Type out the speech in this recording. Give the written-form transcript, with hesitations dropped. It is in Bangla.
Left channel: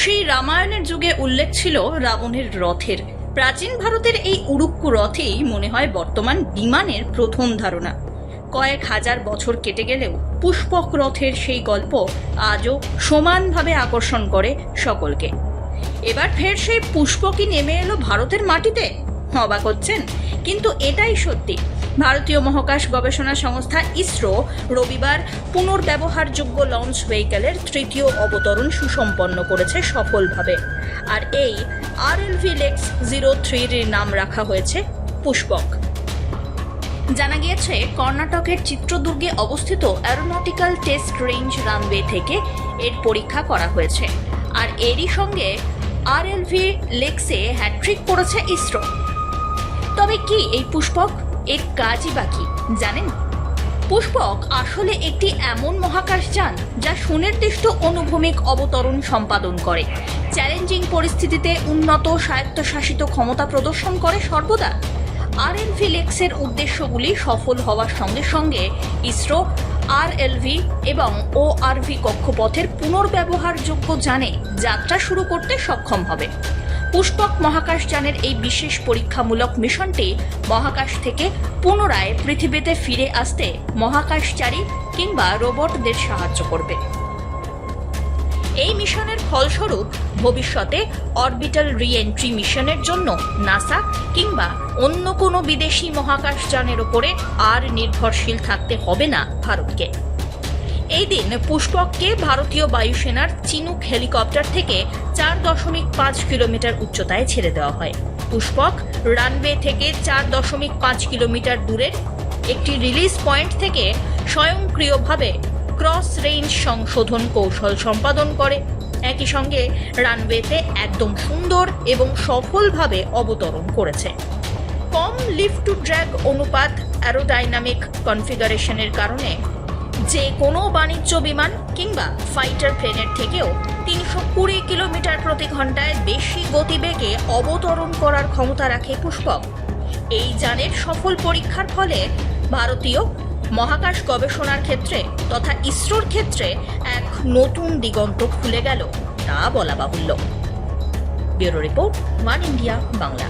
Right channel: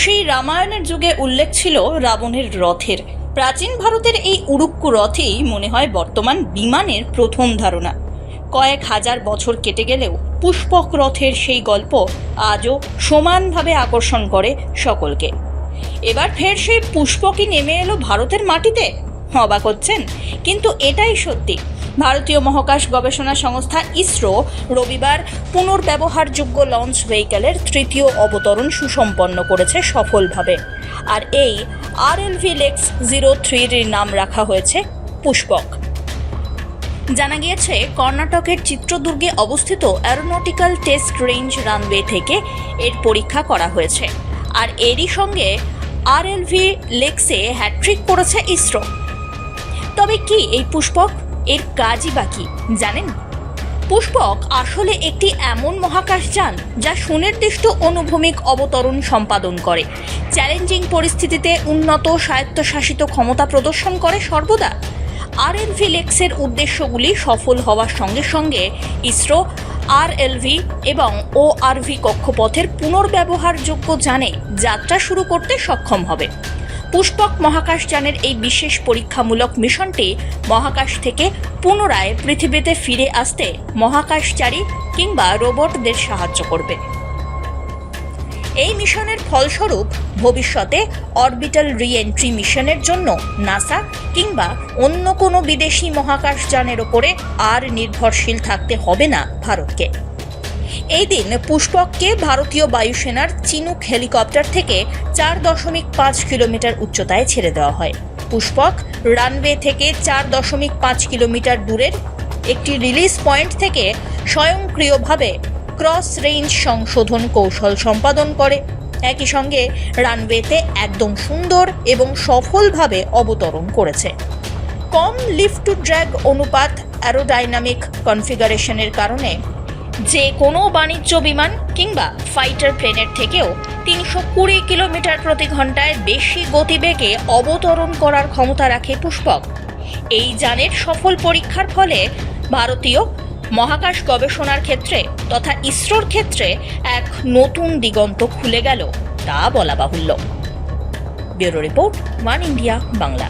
সেই রামায়ণের যুগে উল্লেখ ছিল রাবণের রথের। প্রাচীন ভারতের এই উড়ুক্কু রথেই মনে হয় বর্তমান বিমানের প্রথম ধারণা। কয়েক হাজার বছর কেটে গেলেও পুষ্পক রথের সেই গল্প আজও সমানভাবে আকর্ষণ করে সকলকে। এবার ফের সেই পুষ্পকই নেমে এলো ভারতের মাটিতে। অবাক হচ্ছেন, কিন্তু এটাই সত্যি। ভারতীয় মহাকাশ গবেষণা সংস্থা ইসরো রবিবার পুনর্ব্যবহারযোগ্য লঞ্চ ভেহিকলের তৃতীয় অবতরণ সুসম্পন্ন করেছে সফলভাবে। আর এই RLV-LEX-03 এর নাম রাখা হয়েছে পুষ্পক। জানা গিয়েছে, কর্ণাটকের চিত্রদুর্গে অবস্থিত অ্যারোনটিক্যাল টেস্ট রেঞ্জ রানওয়ে থেকে এর পরীক্ষা করা হয়েছে। আর এরই সঙ্গে RLV-LEX-এ হ্যাট্রিক করেছে ইসরো। তবে কি এই পুষ্পক, এর কাজই বা কি জানেন? পুষ্পক আসলে একটি এমন মহাকাশযান যা সুনির্দিষ্ট অনুভূমিক অবতরণ সম্পাদন করে, চ্যালেঞ্জিং পরিস্থিতিতে উন্নত স্বায়ত্তশাসিত ক্ষমতা প্রদর্শন করে সর্বদা। RLV-LEX-এর উদ্দেশ্যগুলি সফল হওয়ার সঙ্গে সঙ্গে ইসরো RLV এবং ORV কক্ষপথের পুনর্ব্যবহারযোগ্য যানে যাত্রা শুরু করতে সক্ষম হবে। পুষ্পক মহাকাশযানের এই বিশেষ পরীক্ষামূলক মিশনটি মহাকাশ থেকে পুনরায় পৃথিবীতে ফিরে আসতে মহাকাশচারী কিংবা রোবটদের সাহায্য করবে। এই মিশনের ফলস্বরূপ ভবিষ্যতে অরবিটাল রি-এন্ট্রি মিশনের জন্য নাসা কিংবা অন্য কোনো বিদেশি মহাকাশযানের ওপরে আর নির্ভরশীল থাকতে হবে না ভারতকে। এই দিন পুষ্পককে ভারতীয় বায়ুসেনার চিনুক হেলিকপ্টার থেকে 4.5 কিলোমিটার উচ্চতায় ছেড়ে দেওয়া হয়। পুষ্পক রানওয়ে থেকে 4.5 কিলোমিটার দূরের একটি রিলিজ পয়েন্ট থেকে স্বয়ংক্রিয়ভাবে ক্রস রেঞ্জ সংশোধন কৌশল সম্পাদন করে। একই সঙ্গে রানওয়েতে একদম সুন্দর এবং সফলভাবে অবতরণ করেছে। কম লিফট টু ড্র্যাগ অনুপাত, অ্যারোডাইনামিক কনফিগারেশনের কারণে যে কোনো বাণিজ্য বিমান কিংবা ফাইটার প্লেনের থেকেও 320 কিলোমিটার প্রতি ঘন্টায় বেশি গতিবেগে অবতরণ করার ক্ষমতা রাখে পুষ্পক। এই যানের সফল পরীক্ষার ফলে ভারতীয় মহাকাশ গবেষণার ক্ষেত্রে তথা ইসরোর ক্ষেত্রে এক নতুন দিগন্ত খুলে গেল তা বলা বাহুল্য। Bureau report, one India Bangla.